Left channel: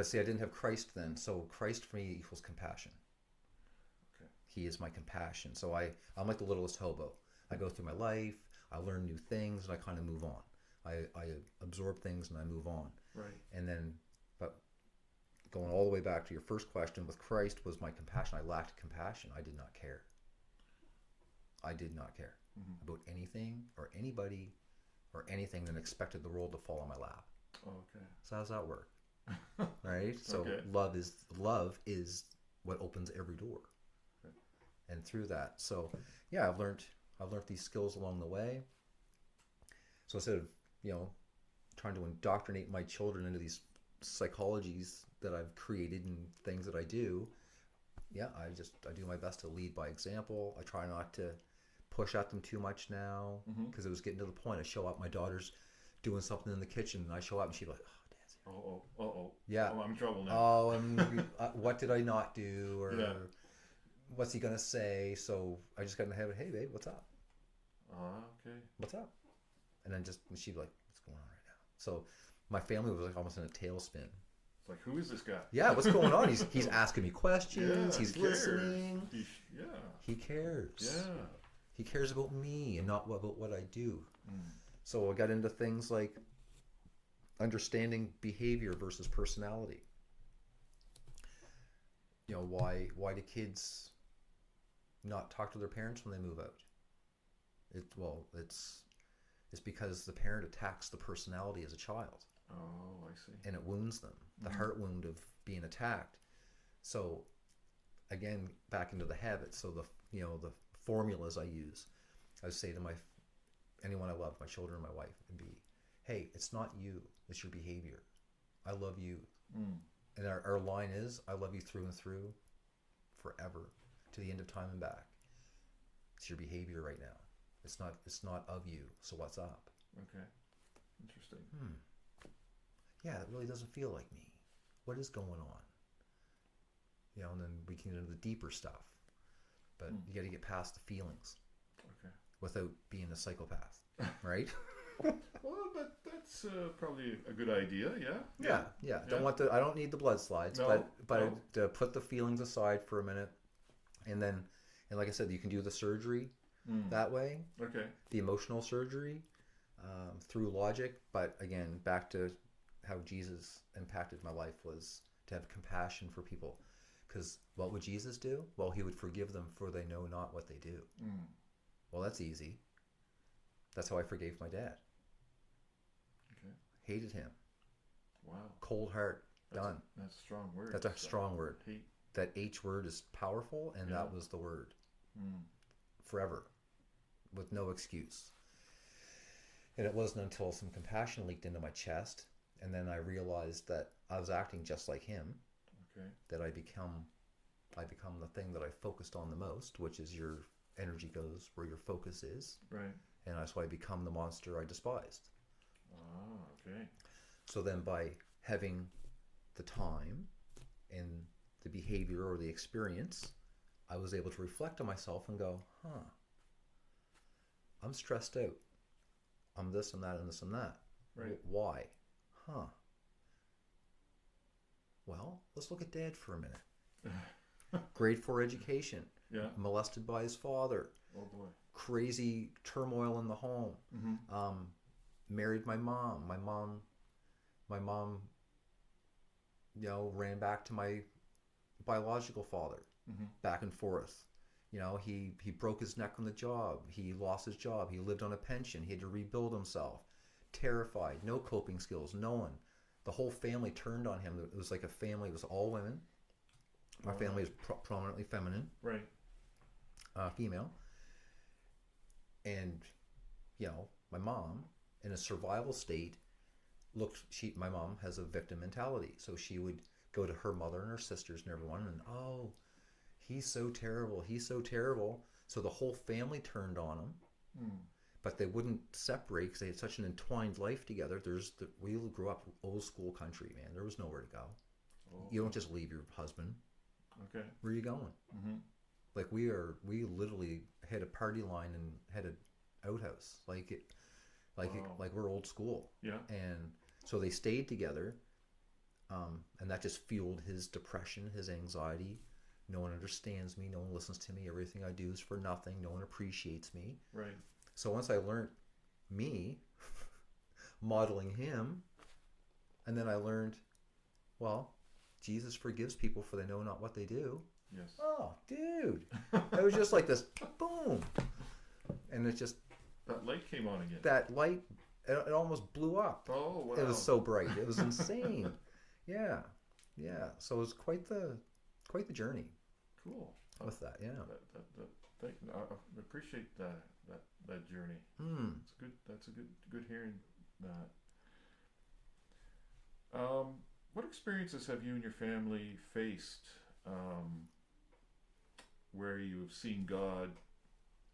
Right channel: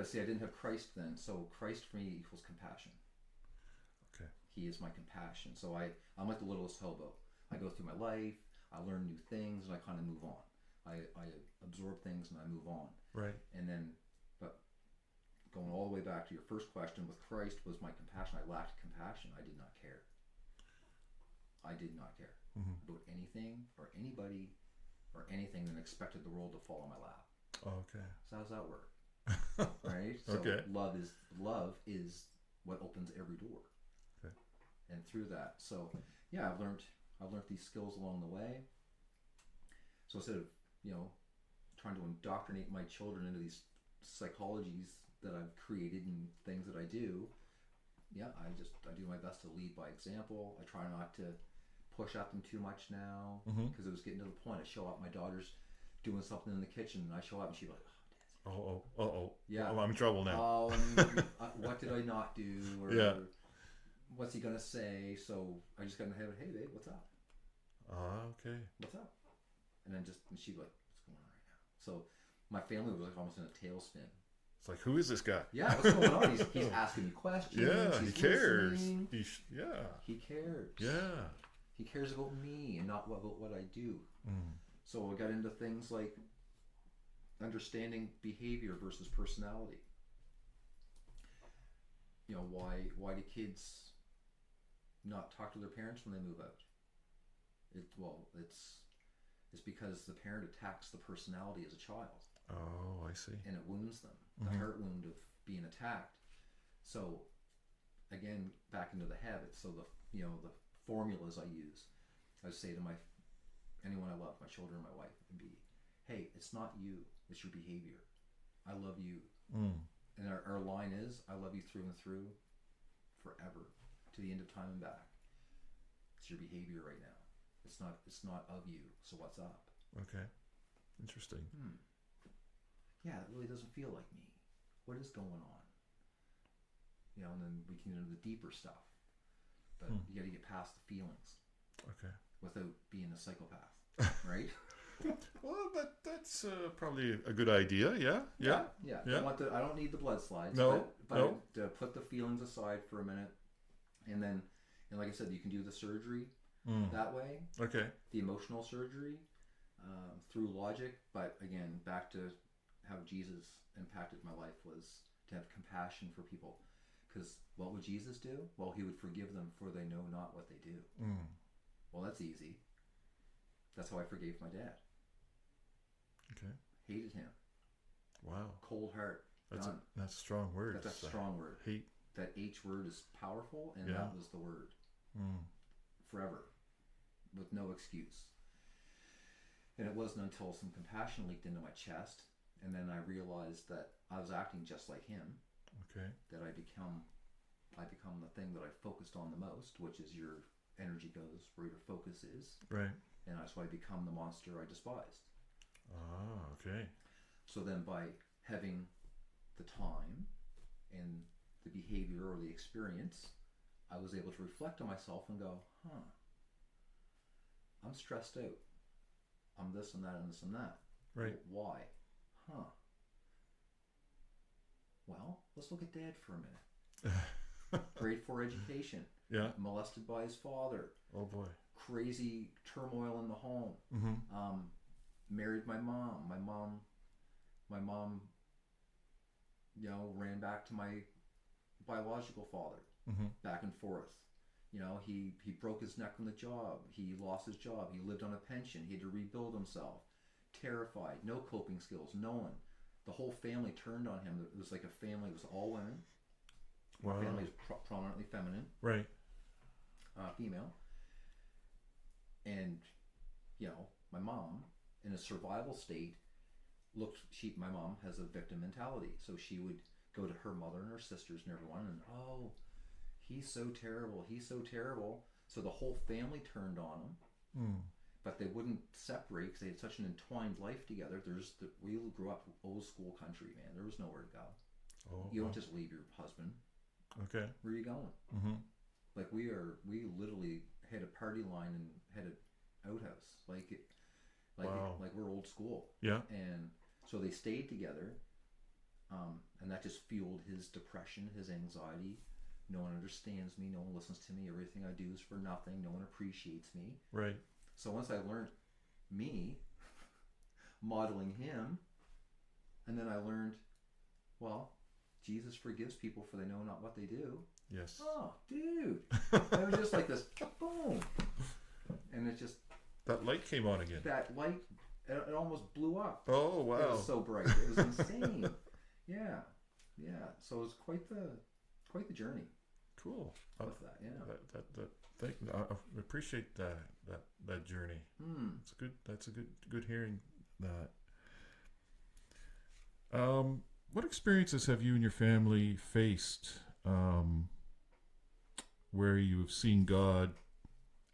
But see, I didn't have Christ then. So Christ for me equals compassion. Okay. He is my compassion. So I'm like the littlest hobo. I go through my life, I learn new things, and I kind of move on. I absorb things and I move on. Right. And then, but going all the way back to your first question, with Christ was my compassion. I lacked compassion. I did not care. I did not care about anything or anybody or anything, and expected the world to fall on my lap. Okay. So how does that work? Right? So Okay. love is what opens every door. Okay. And through that, so yeah, I've learned these skills along the way. So instead of trying to indoctrinate my children into these psychologies that I've created and things that I do, yeah, I do my best to lead by example. I try not to push at them too much now, because it was getting to the point. I show up, my daughter's doing something in the kitchen, and I show up, and she's like, "Oh, Dad's here." Yeah. Oh, I'm in trouble now. Oh, and what did I not do? Or Yeah. what's he gonna say? So I just got in the habit. Hey, babe, what's up? Okay. What's up? And then she'd be like, "What's going on right now?" So my family was like almost in a tailspin. It's like, who is this guy? Yeah, what's going on? He's asking me questions. Yeah, He's he cares. listening. Yeah. He cares. Yeah. He cares about me and not about what I do. So I got into things like understanding behavior versus personality. Why do kids not talk to their parents when they move out? It's because the parent attacks the personality as a child. Oh, I see. And it wounds them. The heart wound of being attacked. So again, back into the habits. So the formulas I use, I would say to anyone I love, my children and my wife, would be, hey, it's not you, it's your behavior. I love you. And our line is, I love you through and through, forever, to the end of time and back. It's your behavior right now. It's not of you. So what's up? Okay. Interesting. Yeah, that really doesn't feel like me. What is going on? And then we can get into the deeper stuff. But you got to get past the feelings Okay. without being a psychopath, right? Well, that's probably a good idea. Yeah. Yeah. I don't need the blood slides, No, but put the feelings aside for a minute, and like I said, you can do the surgery that way, Okay. the emotional surgery through logic. But again, back to how Jesus impacted my life was to have compassion for people. Because what would Jesus do? Well, he would forgive them, for they know not what they do. Well, that's easy. That's how I forgave my dad. Okay. Hated him. Wow. Cold heart. Done. That's a strong word. That's a strong word. Hate. That H word is powerful, and that was the word. Forever. With no excuse. And it wasn't until some compassion leaked into my chest, and then I realized that I was acting just like him, Okay. that I become the thing that I focused on the most, which is your energy goes where your focus is. Right. And that's why I become the monster I despised. Ah, okay. So then by having the time and the behavior or the experience, I was able to reflect on myself and go, I'm stressed out. I'm this and that and this and that. Right. Why? Well, let's look at Dad for a minute. Grade 4 education. Yeah. Molested by his father. Oh boy. Crazy turmoil in the home. Married my mom. My mom, ran back to my biological father. Back and forth. He broke his neck on the job. He lost his job. He lived on a pension. He had to rebuild himself. Terrified. No coping skills. No one. The whole family turned on him. It was like a family. It was all women. My family is prominently feminine. Right. Female. And, my mom, in a survival state, my mom has a victim mentality. So she would go to her mother and her sisters and everyone and, oh, he's so terrible. He's so terrible. So the whole family turned on him. But they wouldn't separate because they had such an entwined life together. We grew up old school country, man. There was nowhere to go. You don't just leave your husband. Okay. Where are you going? Like we literally had a party line and had an outhouse. Like we're old school. Yeah. And so they stayed together And that just fueled his depression, his anxiety. No one understands me. No one listens to me. Everything I do is for nothing. No one appreciates me. Right. So once I learned me, modeling him, and then I learned, well, Jesus forgives people for they know not what they do. Yes. Oh, dude. It was just like this, boom. And it just... That light came on again. That light, it almost blew up. Oh, wow. It was so bright. It was insane. Yeah. So it was quite the journey. Cool. With that, yeah. I appreciate that journey. It's good. That's a good hearing that. What experiences have you and your family faced where you've seen God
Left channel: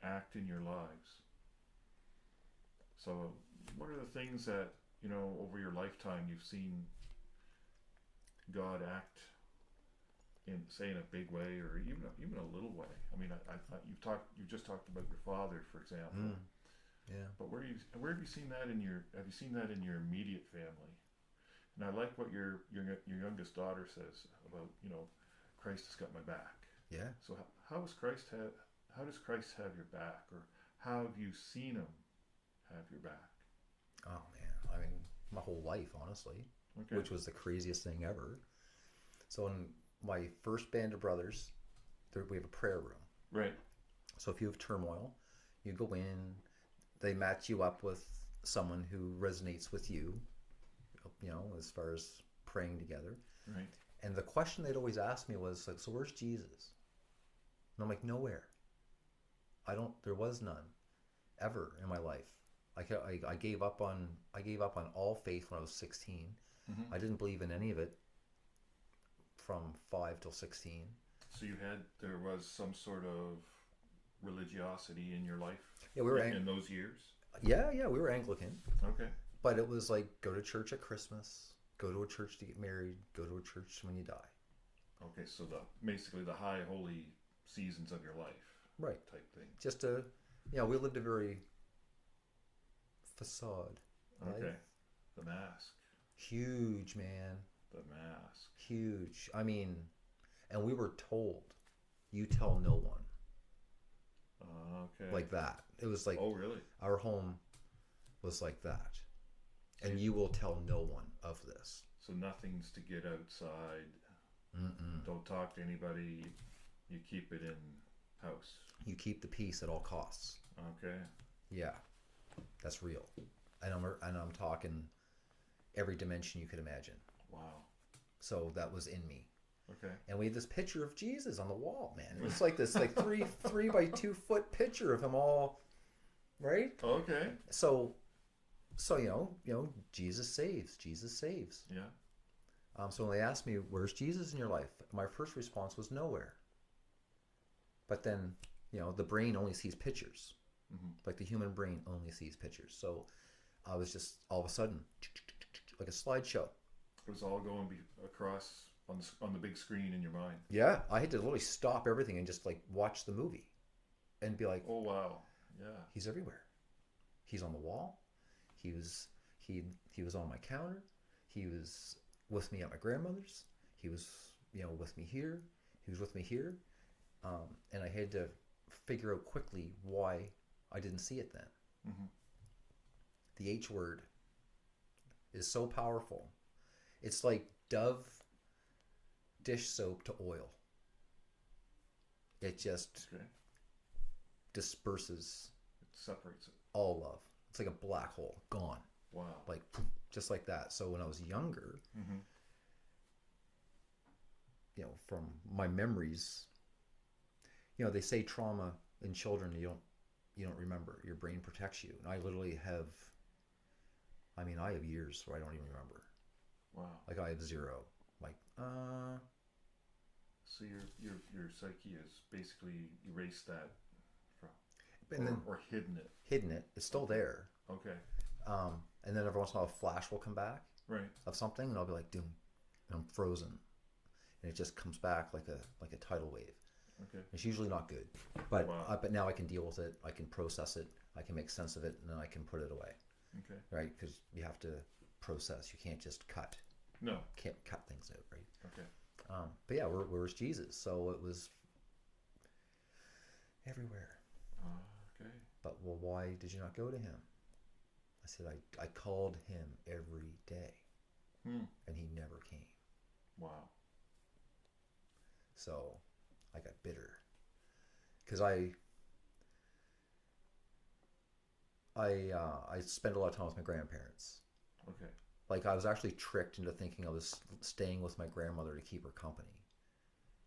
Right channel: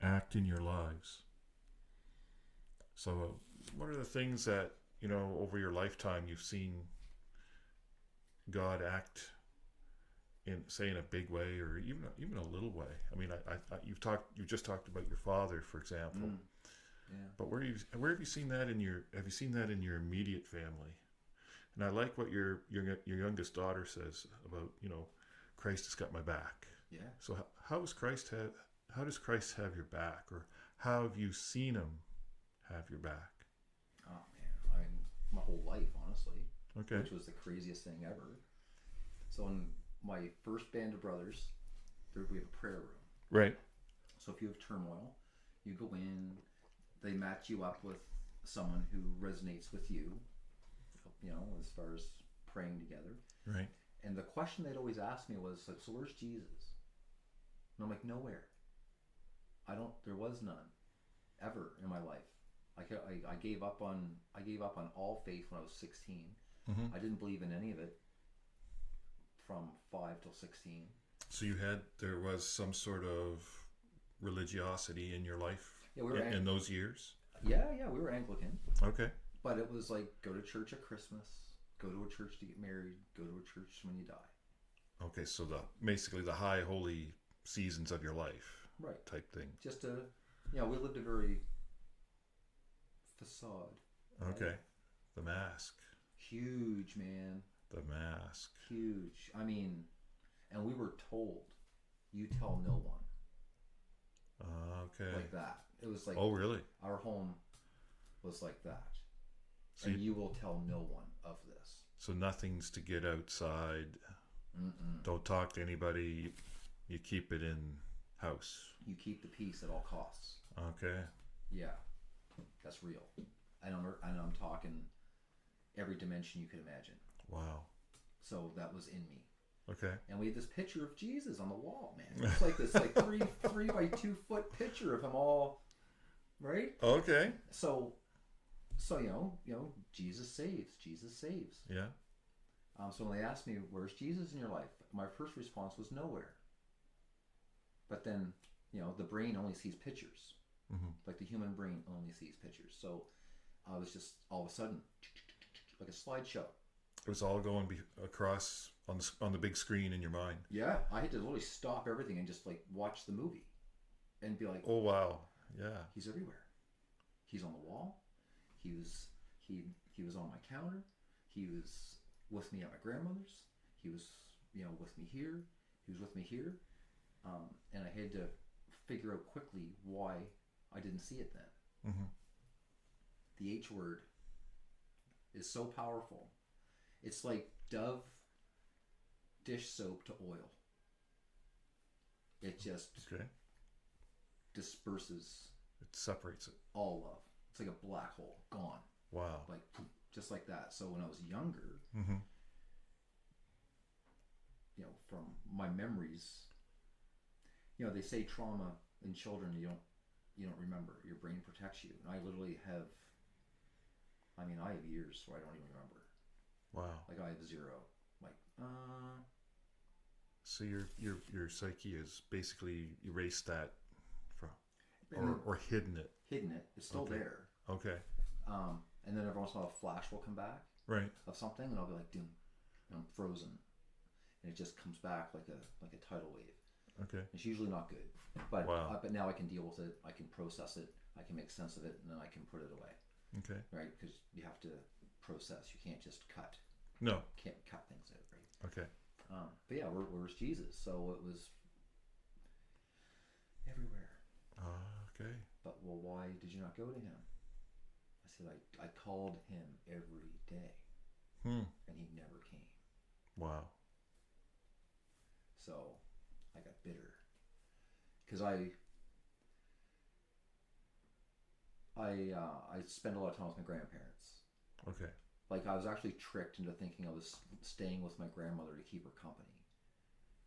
act in your lives? So, what are the things that, over your lifetime you've seen God act in, say, in a big way, or even a little way? I mean, you just talked about your father, for example. Yeah. But where have you seen that in your immediate family? And I like what your youngest daughter says about, Christ has got my back. Yeah. So how does Christ have your back, or how have you seen him have your back? Oh man, I mean, my whole life, honestly. Okay. Which was the craziest thing ever. So in my first band of brothers, we have a prayer room. Right. So if you have turmoil, you go in, they match you up with someone who resonates with you, as far as praying together. Right. And the question they'd always ask me was, so where's Jesus? And I'm like, nowhere. There was none ever in my life. I gave up on all faith when I was 16. Mm-hmm. I didn't believe in any of it from 5 till 16. So there was some sort of religiosity in your life. Yeah, we were in those years. Yeah, we were Anglican. Okay. But it was like, go to church at Christmas, go to a church to get married, go to a church when you die. Okay, so basically the high holy seasons of your life, right? Type thing. Just we lived a very facade. Right? Okay. The mask. Huge, man. The mask. Huge. I mean, and we were told, you tell no one. Okay. Like that. It was like, oh, really? Our home was like that. So and you will tell no one of this. So nothing's to get outside. Mm-mm. Don't talk to anybody. You keep it in house. You keep the peace at all costs. Okay. Yeah, that's real. And I'm talking every dimension you could imagine. Wow. So that was in me. Okay. And we had this picture of Jesus on the wall, man. It's like this, three by 2 foot picture of him all, right? Okay. So Jesus saves. Jesus saves. Yeah. So when they asked me, where's Jesus in your life? My first response was nowhere. But then, the brain only sees pictures. Mm-hmm. Like the human brain only sees pictures. So I was just all of a sudden, like a slideshow. It was all going across on the big screen in your mind. Yeah, I had to literally stop everything and just like watch the movie and be like, oh wow, yeah, he's everywhere. He's on the wall. He was on my counter. He was with me at my grandmother's. He was with me here. He was with me here. And I had to figure out quickly why I didn't see it then. Mm-hmm. The H word is so powerful. It's like Dove dish soap to oil. It just disperses. It separates it. All love. It's like a black hole. Gone. Wow. Like, just like that. So when I was younger, mm-hmm. From my memories, they say trauma in children you don't remember. Your brain protects you. And I literally have, I have years where I don't even remember. Wow. Like I have zero. Like, So your psyche has basically erased that from, or hidden it. Hidden it. It's still there. Okay. And then every once in a while a flash will come back. Right. Of something, and I'll be like, doom, and I'm frozen. And it just comes back like a tidal wave. Okay. It's usually not good, but wow. But now I can deal with it. I can process it. I can make sense of it, and then I can put it away. Okay. Right? Because you have to process. You can't just cut. No. can't cut things out, right? Okay. But yeah, where's Jesus? So it was everywhere. Okay. But well, why did you not go to him? I said, I called him every day, and he never came. Wow. So I got bitter because I spent a lot of time with my grandparents. Okay. Like I was actually tricked into thinking I was staying with my grandmother to keep her company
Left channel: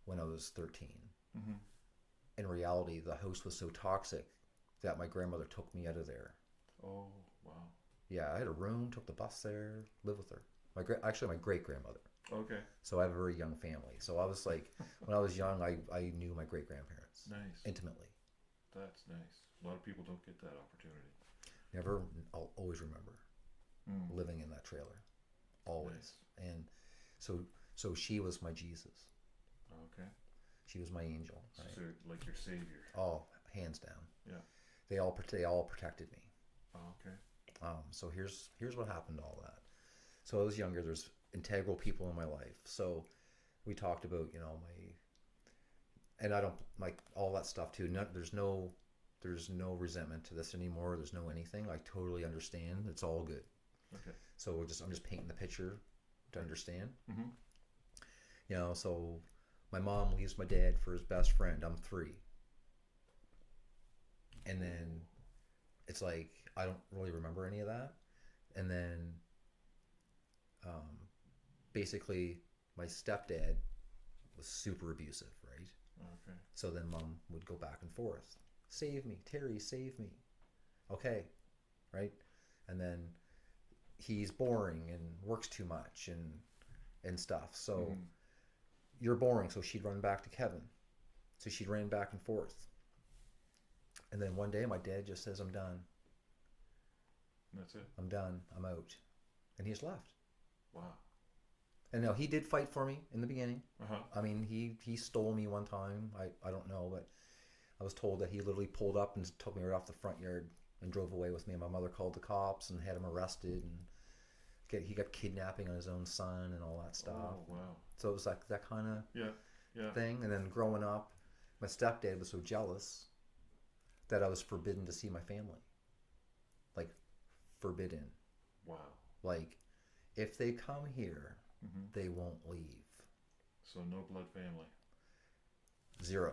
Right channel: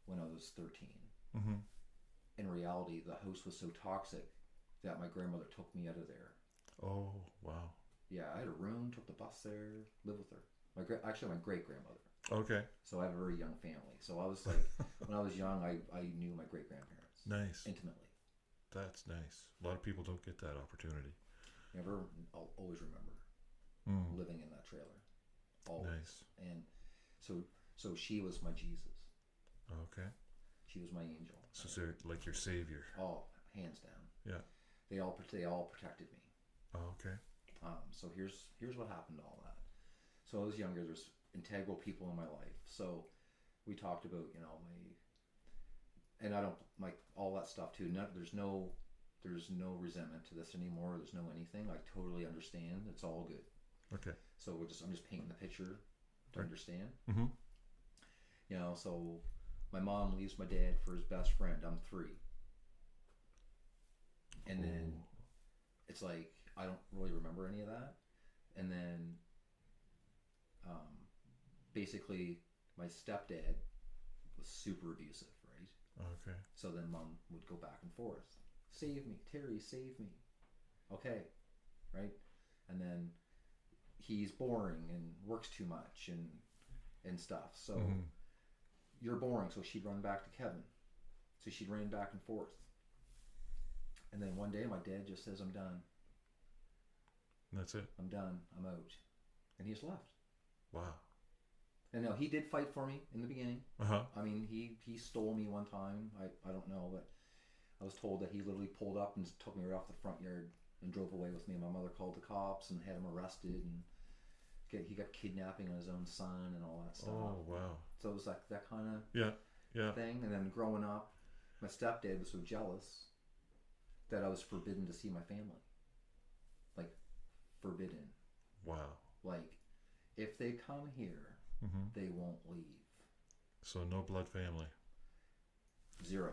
when I was 13. Mm-hmm. In reality, the house was so toxic that my grandmother took me out of there. Oh, wow. Yeah, I had a room, took the bus there, lived with her. Actually, my great grandmother. Okay. So I have a very young family. So I was like, when I was young, I knew my great grandparents Nice. intimately. That's nice. A lot of people don't get that opportunity. I'll always remember living in that trailer. Always. Nice. And so she was my Jesus. Okay. She was my angel. So, Right? so like your savior. Oh, hands down. Yeah. They all protected me. Oh, okay. So here's what happened to all that. So I was younger. There's integral people in my life. So we talked about and I don't like all that stuff too. There's no resentment to this anymore. There's no anything. I totally understand. It's all good. Okay. So I'm just painting the picture to understand. Mm-hmm. So my mom leaves my dad for his best friend. I'm 3. And then it's like I don't really remember any of that. And then basically my stepdad was super abusive, right? Okay. So then mom would go back and forth. Save me, Terry, save me. Okay, right? And then he's boring and works too much and stuff. So you're boring. So she'd run back to Kevin. So she'd run back and forth. And then one day my dad just says, I'm done. That's it. I'm done. I'm out. And he's left. Wow. And now he did fight for me in the beginning. Uh-huh. I mean, he stole me one time. I don't know, but I was told that he literally pulled up and took me right off the front yard and drove away with me. And my mother called the cops and had him arrested. And he got kidnapping on his own son and all that stuff. Oh, wow. So it was like that kind of Yeah. thing. And then growing up, my stepdad was so jealous that I was forbidden to see my family. Like, forbidden. Wow. Like, if they come here, they won't leave. So no blood family. 0.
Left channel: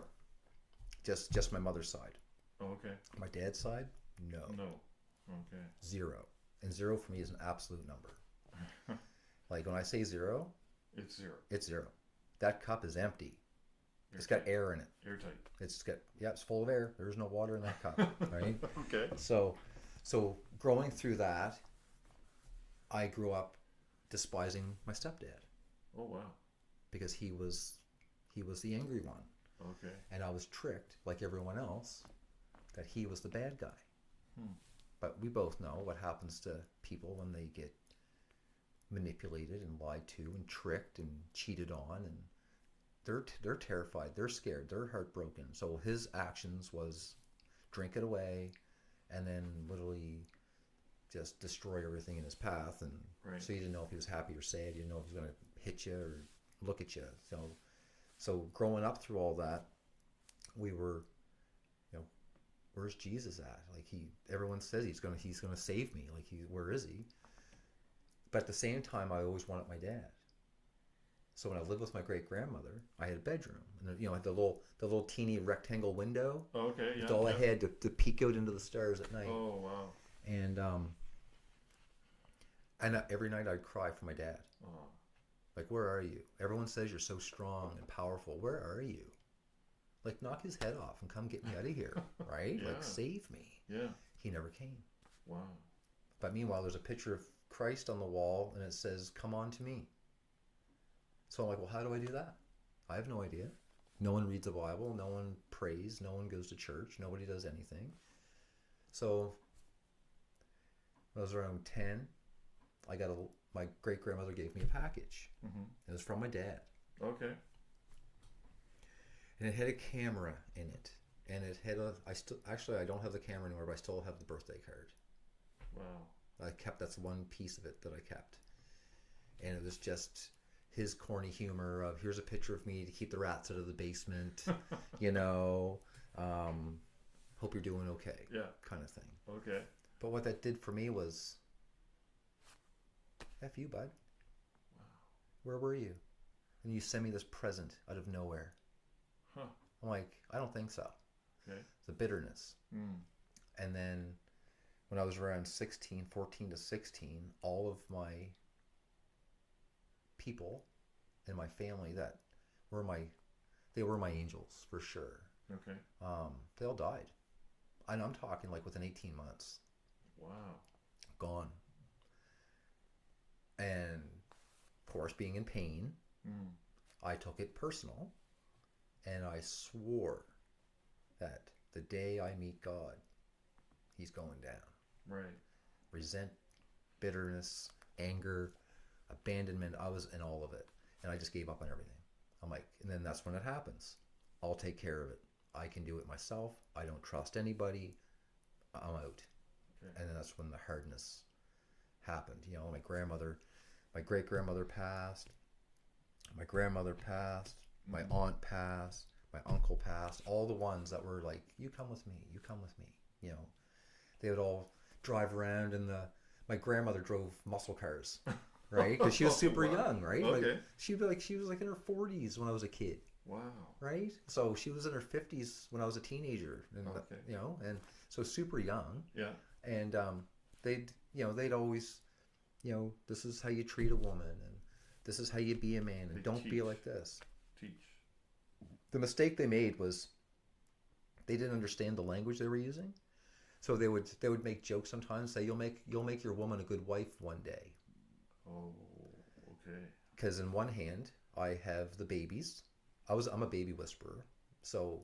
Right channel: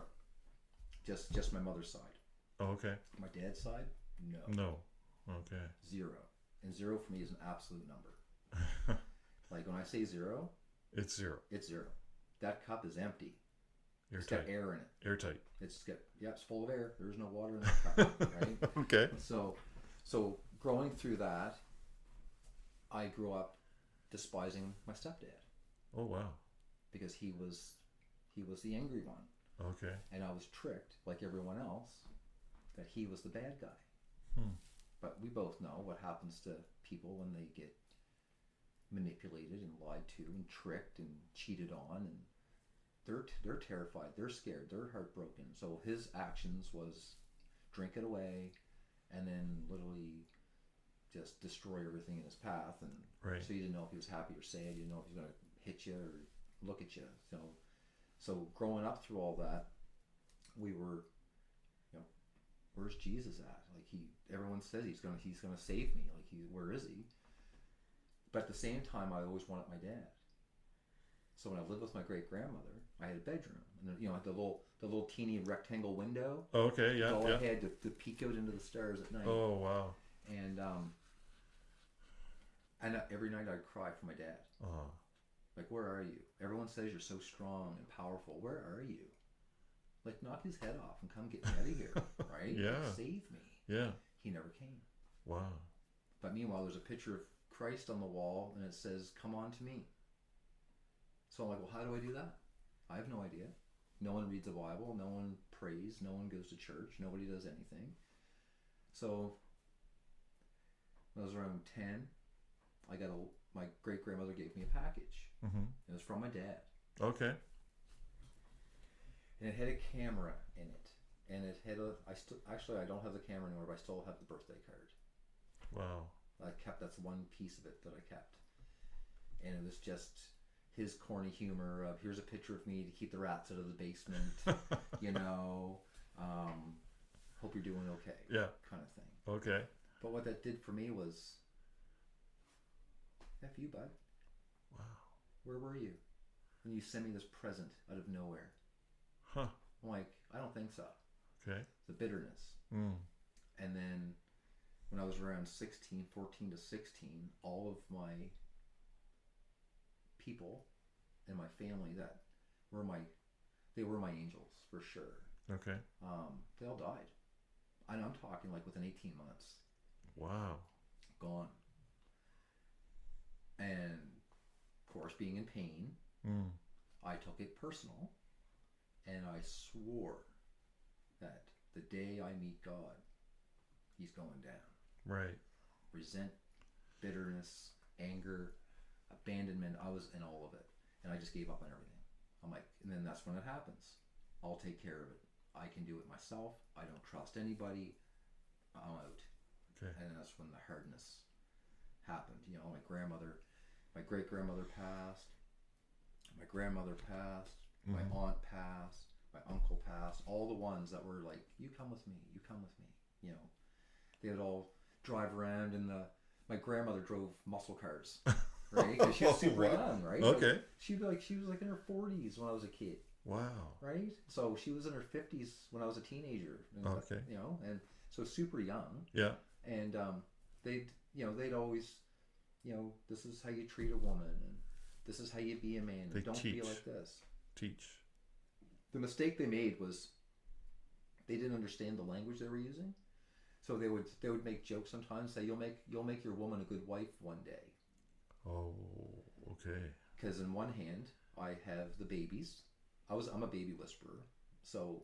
Just my mother's side. Oh, okay. My dad's side, no. No. Okay. 0. And 0 for me is an absolute number. Like when I say 0, It's 0. it's 0. That cup is empty. Airtight. It's got air in it. Airtight. It's full of air. There's no water in that cup, right? Okay. So growing through that, I grew up despising my stepdad Oh, wow. because he was the angry one. Okay. And I was tricked, like everyone else, that he was the bad guy. But we both know what happens to people when they get manipulated and lied to and tricked and cheated on, and they're terrified, they're scared, they're heartbroken. So his actions was drink it away and then literally just destroy everything in his path. And Right. so you didn't know if he was happy or sad, you didn't know if he was going to hit you or look at you. So growing up through all that, we were, where's Jesus at? Like everyone says he's gonna save me. Like where is he? But at the same time, I always wanted my dad. So when I lived with my great grandmother, I had a bedroom, and had the little teeny rectangle window. Oh, okay. Yeah. That's all yeah. I had to peek out into the stars at night. Oh, wow. And every night I'd cry for my dad. Oh. Like, where are you? Everyone says you're so strong and powerful. Where are you? Like, knock his head off and come get me out of here, right? Yeah. Like, save me. Yeah. He never came. Wow. But meanwhile, there's a picture of Christ on the wall, and it says, "Come on to me." So I'm like, well, how do I do that? I have no idea. No one reads the Bible. No one prays. No one goes to church. Nobody does anything. So when I was around 10, my great grandmother gave me a package. It was from my dad. Okay. And it had a camera in it. And it had I don't have the camera anymore, but I still have the birthday card. Wow. That's one piece of it that I kept. and it was just his corny humor of, here's a picture of me to keep the rats out of the basement, you know, hope you're doing okay, Yeah. kind of thing. Okay. But what that did for me was, F you, bud. Wow. Where were you? And you send me this present out of nowhere. Huh. I'm like, I don't think so. Okay. The bitterness. Mm. And then when I was around 16, 14 to 16, all of my people in my family that were they were my angels for sure. Okay. They all died. And I'm talking like within 18 months. Wow. Gone. And of course, being in pain, I took it personal, and I swore that the day I meet God, he's going down. Right. Resent, bitterness, anger, abandonment, I was in all of it. And I just gave up on everything. I'm like, and then that's when it happens. I'll take care of it. I can do it myself. I don't trust anybody. I'm out. Okay. And that's when the hardness happened. You know, my great-grandmother passed, my grandmother passed, my aunt passed, my uncle passed, all the ones that were like, you come with me, you know. They would all drive around in my grandmother drove muscle cars, right? Because she was super young, right? Okay. Like, she was like in her 40s when I was a kid. Wow. Right? So she was in her 50s when I was a teenager. And, Okay. you know, and so super young. Yeah. And they'd always, you know, this is how you treat a woman, and this is how you be a man, and They don't be teach. like this. Teach. The mistake they made was they didn't understand the language they were using. So they would make jokes sometimes, say, you'll make your woman a good wife one day. Oh, okay. Because in one hand, I have the babies. I'm a baby whisperer. So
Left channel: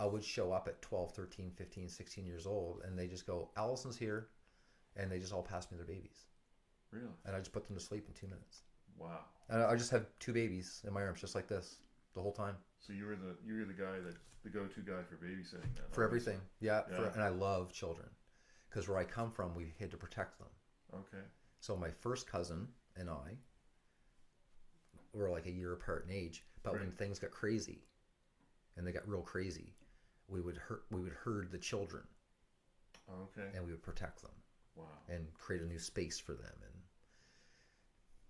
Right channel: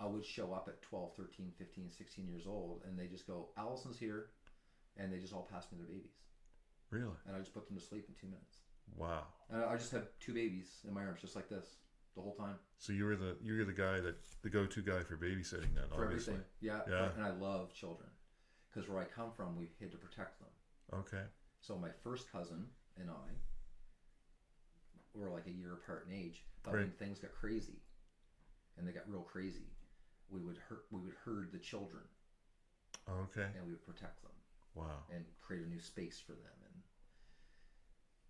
I would show up at 12, 13, 15, 16 years old, and they just go, Allison's here, and they just all pass me their babies. Really? And I just put them to sleep in 2 minutes. Wow. And I just have 2 babies in my arms, just like this, the whole time. So you're the guy the go-to guy for babysitting then. For obviously. everything. Yeah. Yeah. And I love children. Because where I come from, we had to protect them. Okay. So my first cousin and I were like a year apart in age. But when Right. things got crazy, and they got real crazy, we would herd the children, Okay. and we would protect them Wow. and create a new space for them and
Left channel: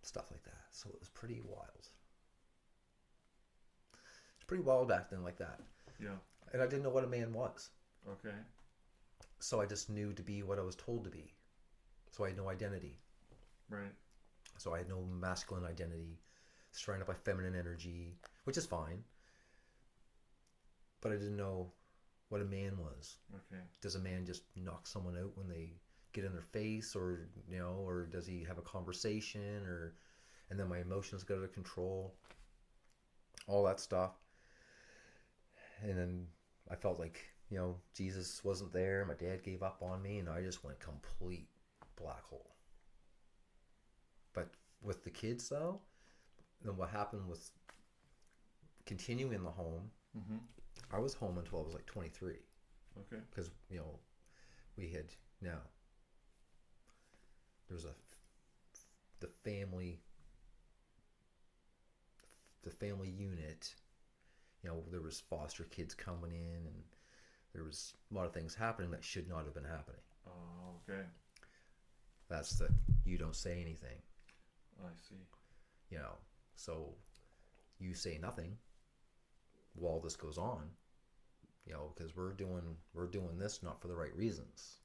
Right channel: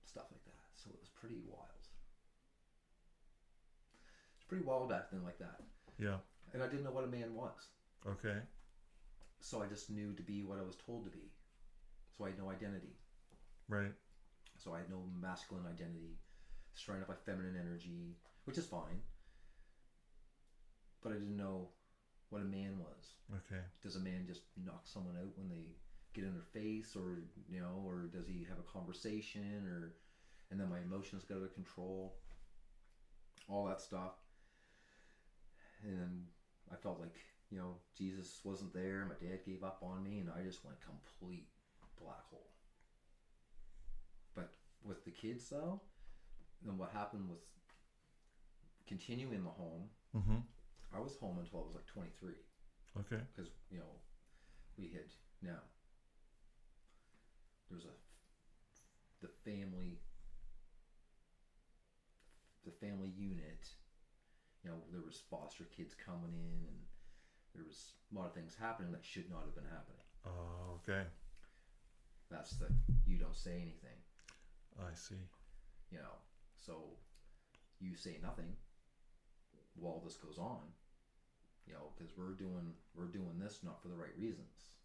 stuff like that. So it was pretty wild. It's pretty wild back then, like that. Yeah. And I didn't know what a man was. Okay. So I just knew to be what I was told to be. So I had no identity. Right. So I had no masculine identity, surrounded by feminine energy, which is fine. But I didn't know what a man was. Okay. Does a man just knock someone out when they get in their face, or you know, or does he have a conversation, and then my emotions get out of control, all that stuff. And then I felt like, you know, Jesus wasn't there. My dad gave up on me, and I just went complete black hole. But with the kids, though, then what happened was continuing in the home. Mm-hmm. I was home until I was like 23, Okay. because you know we had now there's the family unit. You know, there was foster kids coming in, and there was a lot of things happening that should not have been happening. Oh, okay. That's the you don't say anything, I see. you know. So you say nothing while this goes on, you know, because we're doing this not for the right reasons.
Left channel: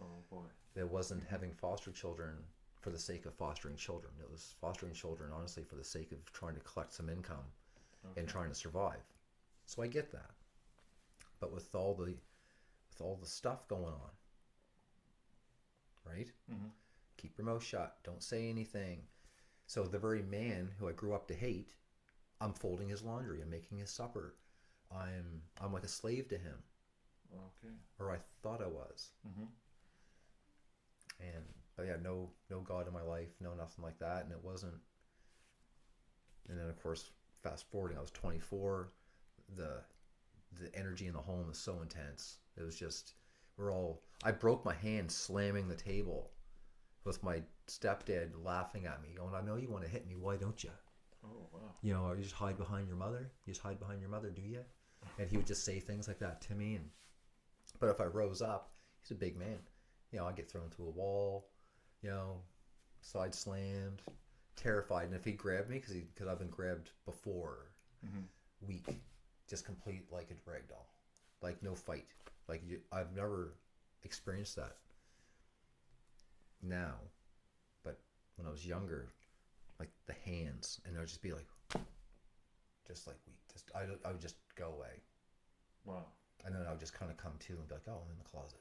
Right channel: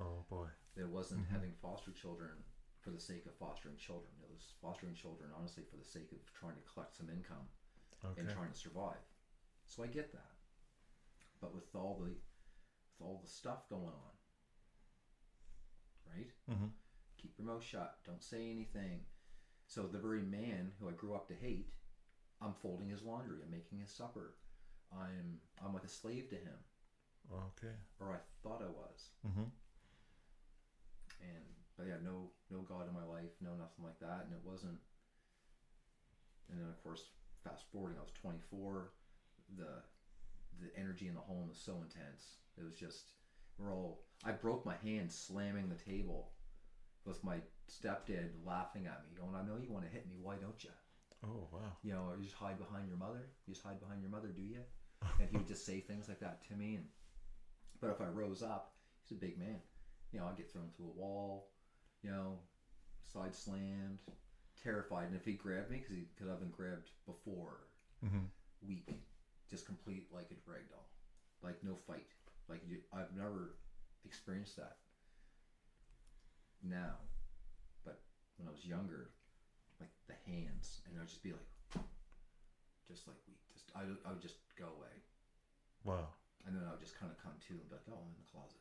Oh boy. It wasn't having foster children for the sake of fostering children. It was fostering children honestly for the sake of trying to collect some income and trying to survive. So I get that. But with all the stuff going on, right? Mm-hmm. Keep your mouth shut. Don't say anything. So the very man who I grew up to hate, I'm folding his laundry. I'm making his supper. I'm like a slave to him, Okay. or I thought I was. Mm-hmm. But yeah, no God in my life, no nothing like that, and it wasn't. And then of course, fast forwarding, I was 24. The energy in the home is so intense. It was just I broke my hand slamming the table with my stepdad laughing at me, going, "I know you want to hit me. Why don't you? Oh, wow. You know, you just hide behind your mother. You just hide behind your mother, do you?" And he would just say things like that to me. But if I rose up, he's a big man. You know, I'd get thrown to a wall. You know, side slammed, terrified. And if he grabbed me, because I've been grabbed before, Mm-hmm. weak, just complete like a rag doll, like no fight. Like I've never experienced that now, but when I was younger, like the hands, and I would just be like, just like weak. I would just go away, Wow. and then I would just kind of come to and be like, "Oh, I'm in the closet,"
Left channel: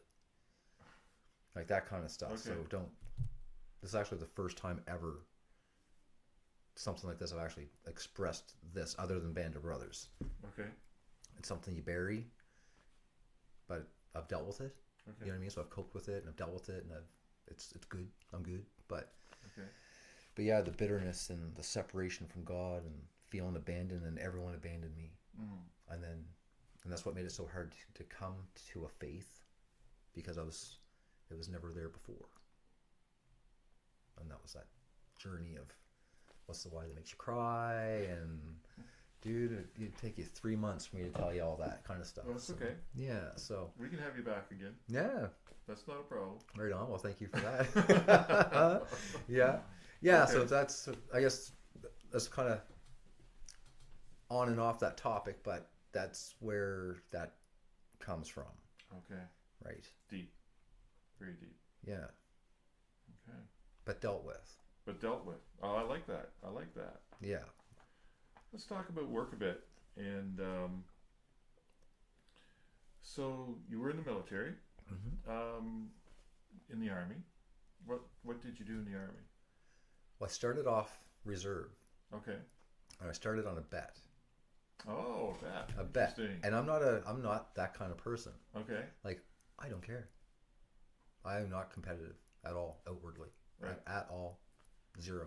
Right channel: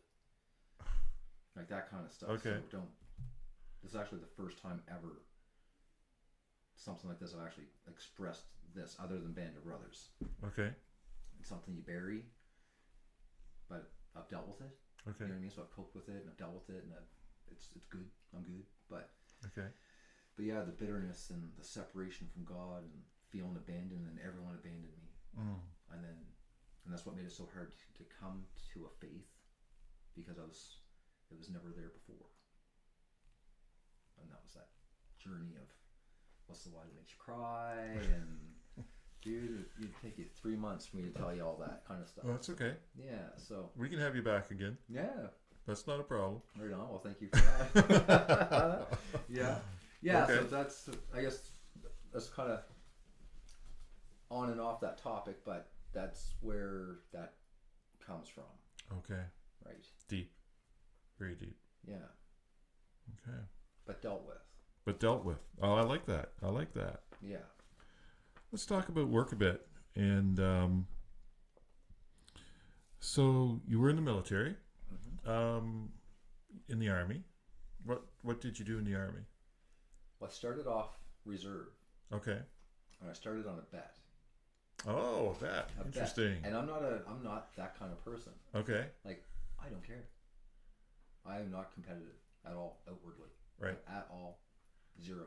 like that kind of stuff. Okay. So don't. This is actually the first time ever something like this I've actually expressed this, other than Band of Brothers. Okay. It's something you bury, but I've dealt with it. Okay. You know what I mean? So I've coped with it and I've dealt with it, and it's good. I'm good. But Okay. yeah, the bitterness and the separation from God and feeling abandoned, and everyone abandoned me, and that's what made it so hard to come to a faith, because it was never there before, and that was that journey of what's the why that makes you cry, and dude, it'd take you 3 months for me to tell you all that kind of stuff. Oh, that's okay. Yeah, so We can have you back again. yeah, That's not a problem. right on. Well, thank you for that. Yeah. Okay. So that's, I guess, that's kind of on and off that topic, but that's where that comes from, Okay. right? Deep. Very deep. Yeah, Okay. but dealt with. But dealt with. Oh, I like that. I like that. Yeah. Let's talk about work a bit. And so you were in the military, in the Army. What did you do in the Army? Well, I started off reserve, Okay. and I started on a bet. Oh, that. A Interesting. Bet. And I'm not that kind of person. Okay. Like, I don't care. I am not competitive at all, outwardly. Right. At all. Zero.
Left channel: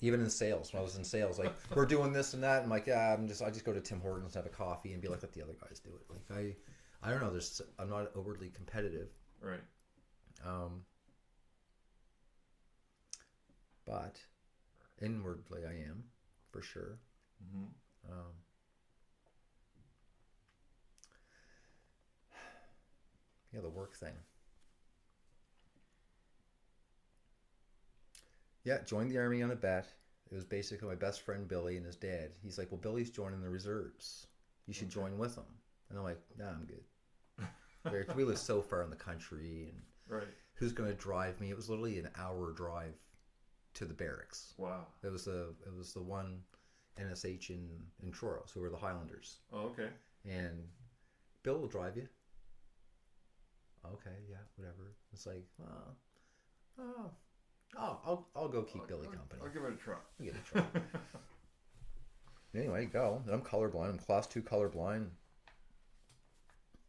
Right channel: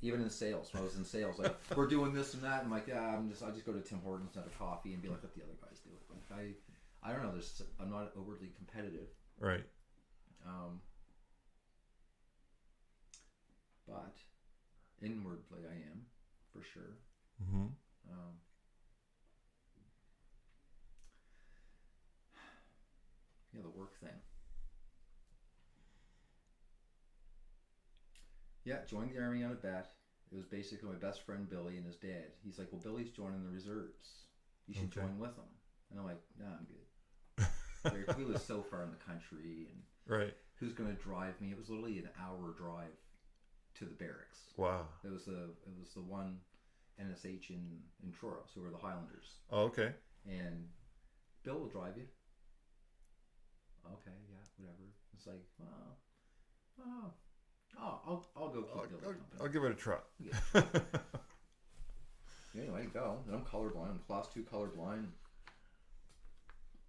Even in sales, when I was in sales, like, we're doing this and that, and I'm like, yeah, I just go to Tim Hortons, have a coffee, and be like, let the other guys do it. Like, I don't know. I'm not overly competitive. Right. But inwardly, I am, for sure. Mm-hmm. Yeah, the work thing. Yeah, joined the Army on a bet. It was basically my best friend Billy and his dad. He's like, well, Billy's joining the reserves. You should Okay. join with him. And I'm like, nah, I'm good. We live so far in the country, and Right. who's going to drive me? It was literally an hour drive to the barracks. Wow. It was the one NSH in Truro, who were the Highlanders. Oh, okay. And Bill will drive you. Okay, yeah, whatever. It's like, I'll go keep Billy company. I'll give it a try. Yeah. Anyway, go. I'm colorblind. I'm class 2 colorblind.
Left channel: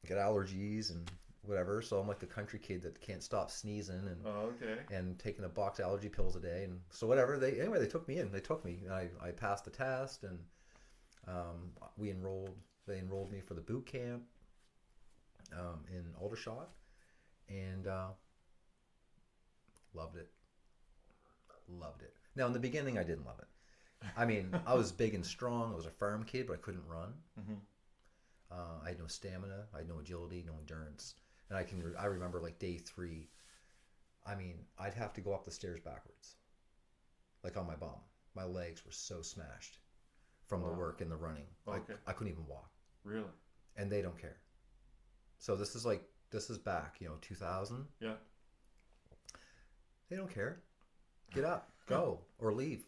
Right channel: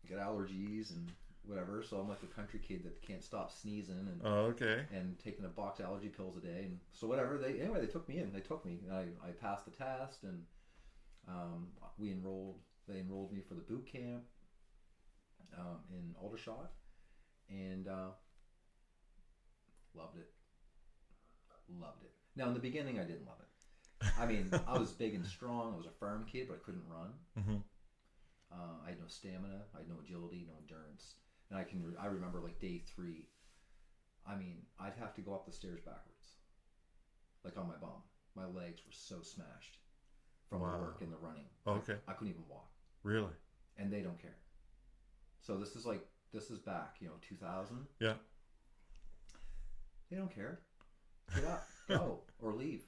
Get allergies and whatever. So I'm like the country kid that can't stop sneezing and Oh, okay. taking a box of allergy pills a day. And so whatever. They took me in. They took me. I passed the test, and they enrolled me for the boot camp in Aldershot, and loved it. Now in the beginning, I didn't love it. I mean, I was big and strong. I was a farm kid, but I couldn't run. Mm-hmm. I had no stamina. I had no agility, no endurance. And I remember like day 3. I mean, I'd have to go up the stairs backwards, like on my bum. My legs were so smashed from the Wow. work and the running. Okay. I couldn't even walk. Really? And they don't care. So this is back, 2000. Yeah. They don't care. Get up, go, or leave.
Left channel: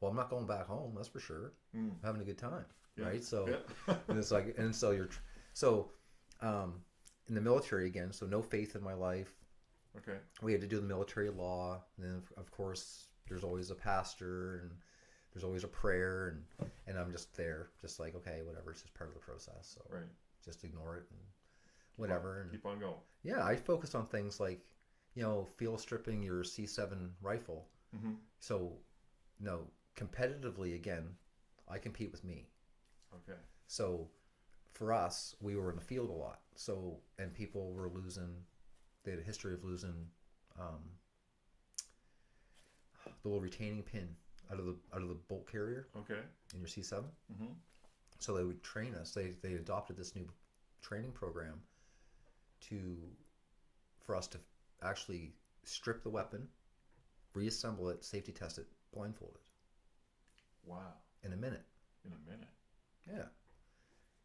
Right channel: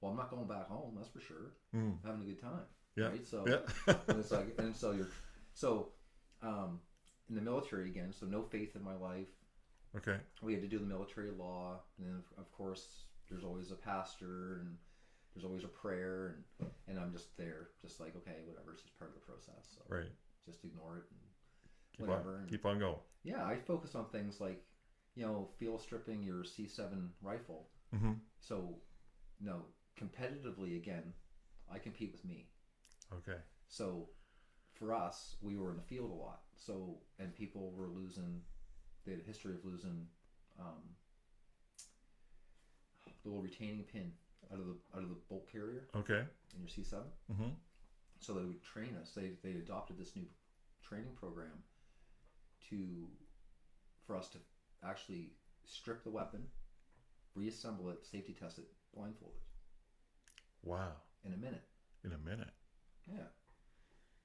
Well, I'm not going back home. That's for sure. Mm. I'm having a good time. Yeah. Right. So Yeah. and it's like, and so in the military again. So no faith in my life. Okay. We had to do the military law, and then of course there's always a pastor, and there's always a prayer, and I'm just there, just like, okay, whatever. It's just part of the process. So Right. just ignore it and Keep whatever. On, keep on going. Yeah, I focus on things like, field stripping your C7 rifle. Mm-hmm. So, no, competitively, again, I compete with me. Okay. So, for us, we were in the field a lot. So, and people were losing, they had a history of losing the little retaining pin out of the bolt carrier Okay. in your C7. Mm-hmm. So they would train us. They adopted this new training program for us to actually strip the weapon, reassemble it, safety test it, blindfolded. Wow. In a minute. In a minute. Yeah.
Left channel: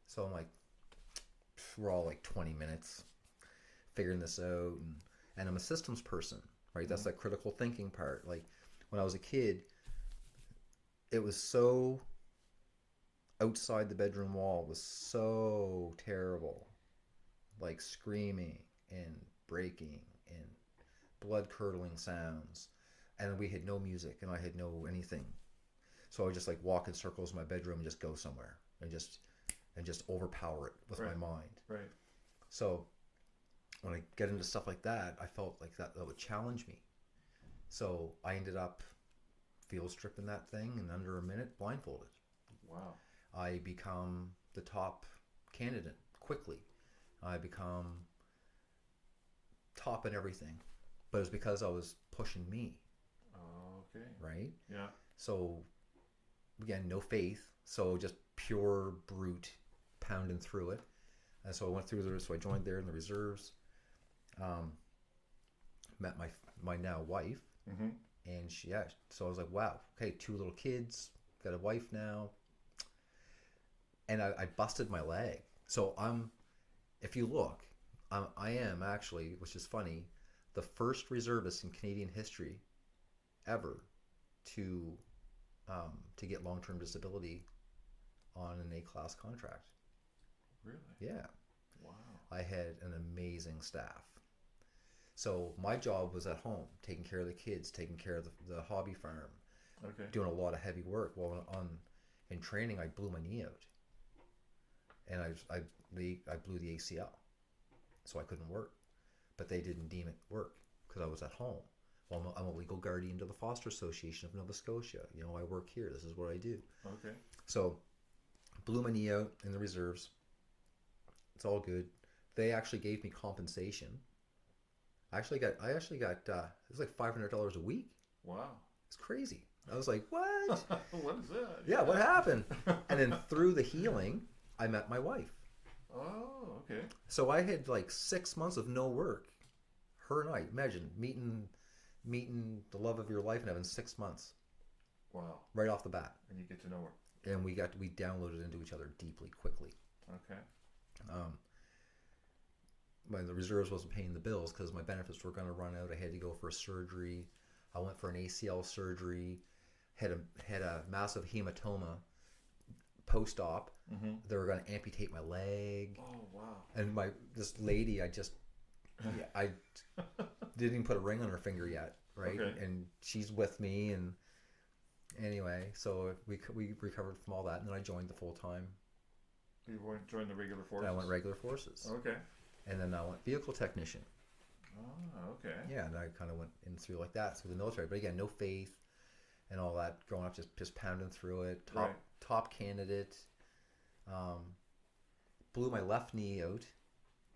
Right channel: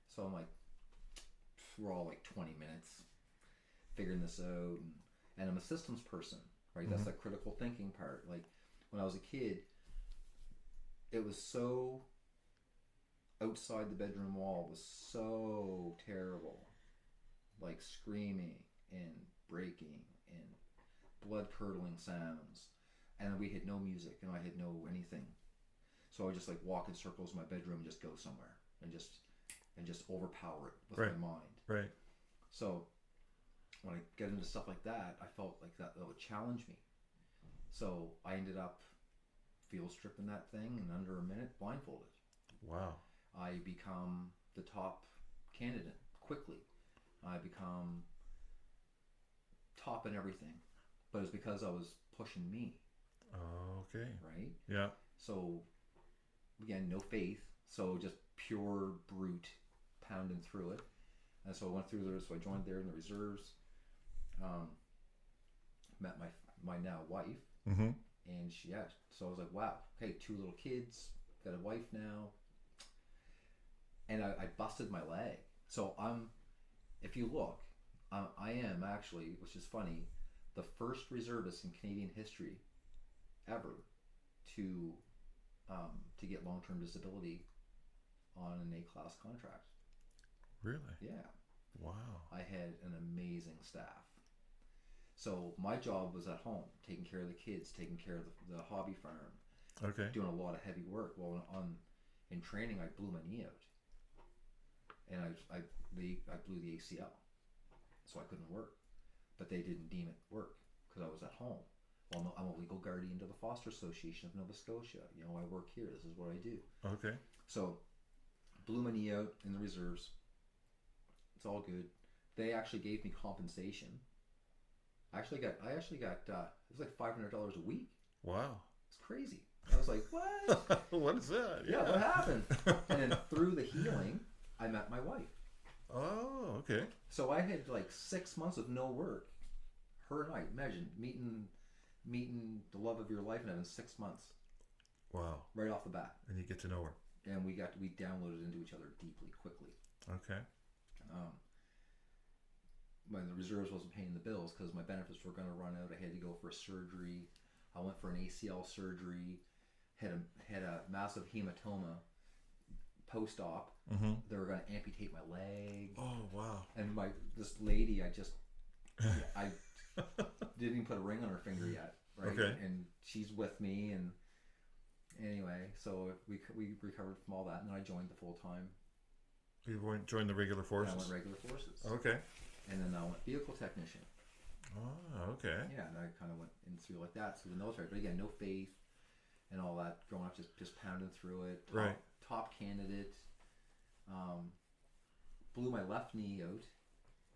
So I'm like, we're all like 20 minutes figuring this out, and I'm a systems person, right? That's that critical thinking part. Like when I was a kid, it was so outside the bedroom wall was so terrible, like screaming and breaking and blood curdling sounds, and we had no music and I had no anything, so I would just like walk in circles in my bedroom and just go somewhere and just overpower it with my mind. Right. So when I get into stuff like that, I felt like that would challenge me. So I ended up field stripping that thing in under a minute, blindfolded. Wow. I become the top candidate quickly. I become top in everything. But it was because I was pushing me. Oh, okay. Right? Yeah. So, again, no faith. So just pure brute pounding through it. And so I went through there. So I joined there in the reserves. Met my now wife. Mm-hmm. And so I was like, wow, okay, 2 little kids, got a wife now. And I busted my leg. So if you look, I am actually, which is funny, the first reservist in Canadian history ever to get long-term disability on an A-class contract. Really? Yeah. Wow. I had an amazing staff. So my job was at home, taking care of the kids, taking care of the hobby farm, Okay. doing a lot of heavy work. Well, in training, I blew my knee out, and I blew the ACL, so I couldn't work. But they didn't deem it work because I was at home. Well, I'm a legal guardian to the Foster Association of Nova Scotia. You know, I work here. This is what I do. Okay. So, blew my knee out in the reserves. It's all good. They actually gave me compensation. I actually got it was like $500 a week. Wow. It's crazy. I was like, what? What is that? Yeah, what happened? And then through the healing, I met my wife. Oh, okay. So I had like 6 months of no work. Her and I, imagine meeting the love of your life and having 6 months Wow. right off the bat. And you get to know her. And we downloaded into each other deeply, quickly. Okay. When the reserves wasn't paying the bills because my benefits were going to run out, I had to go for a surgery. I went for an ACL surgery. Had a massive hematoma post-op. Mm-hmm. They were going to amputate my leg. Oh, wow. And this lady, I didn't even put a ring on her finger yet, right? Okay. And she's with me, and anyway, so we recovered from all that, and then I joined the full time. You joined the regular forces? I went regular forces. Okay. And then I went vehicle technician. Oh, okay. Yeah, and I kind of went in through like that through the military, but again, no faith and all that. Growing up, just pounding through it. Top candidate. Blew my left knee out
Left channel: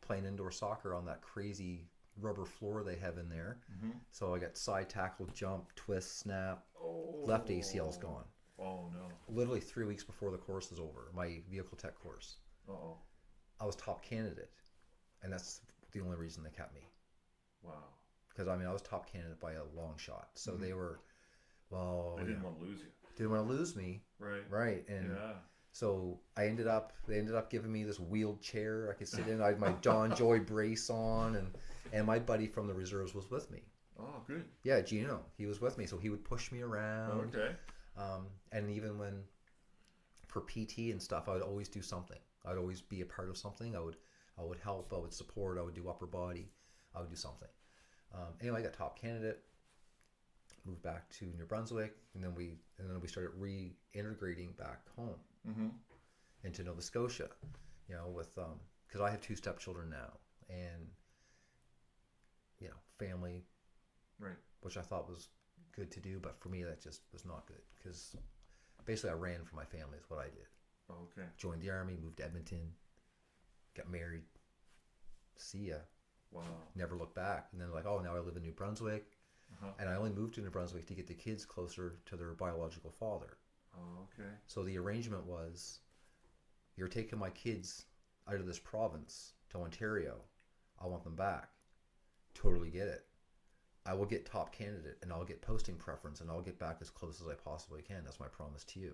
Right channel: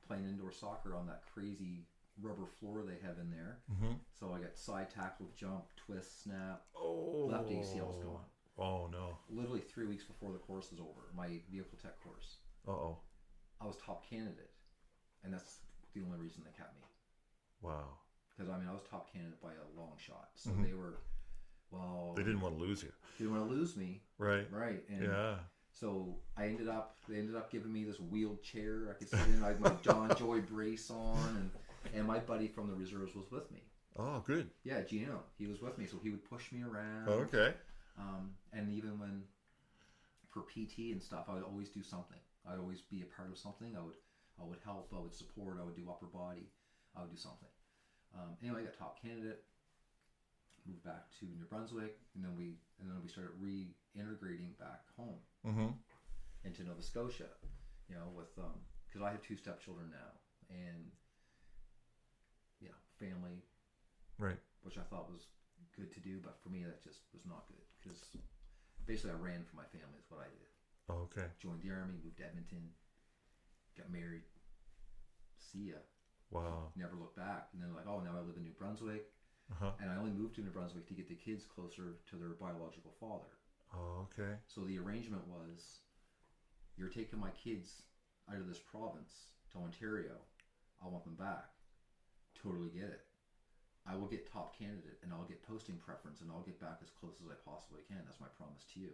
playing indoor soccer on that crazy rubber floor they have in there. Mm-hmm. So I got side tackle, jump, twist, snap. Oh. Left ACL's gone. Oh, no. Literally 3 weeks before the course is over, my vehicle tech course. Uh-oh. I was top candidate, and that's the only reason they kept me. Wow. Because I was top candidate by a long shot. So Mm-hmm. they were, They didn't want to lose you. didn't want to lose me. Right. Right. And Yeah. so they ended up giving me this wheeled chair I could sit in. I had my John Joy brace on, and my buddy from the reserves was with me. Oh, good. Yeah, Gino. He was with me, so he would push me around. Okay. And even when for PT and stuff, I would always do something. I'd always be a part of something. I would help. I would support. I would do upper body. I would do something. Anyway, I got top candidate. Moved back to New Brunswick, and then we started reintegrating back home Mm-hmm. into Nova Scotia. You know, with because I have 2 stepchildren now, and family, Right. which I thought was good to do, but for me that just was not good because basically I ran for my family is what I did. Oh, okay. Joined the army, moved to Edmonton, got married, see ya, Wow. never looked back. And then like, oh, now I live in New Brunswick. and I only moved to New Brunswick to get the kids closer to their biological father. Oh, okay. So the arrangement was, you're taking my kids out of this province to Ontario. I want them back. Totally get it. I will get top candidate, and I'll get posting preference, and I'll get back as close as I possibly can. That's my promise to you.